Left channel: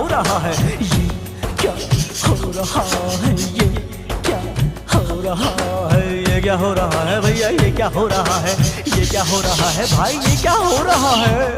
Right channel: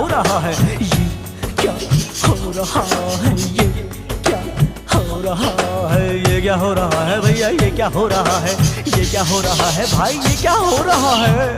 हो रहा है ये क्या हो रहा है ये क्या हो रहा है ये क्या हो रहा है भैया ये क्या हो रहा है ये क्या हो रहा है भाई ये क्या हो रहा है।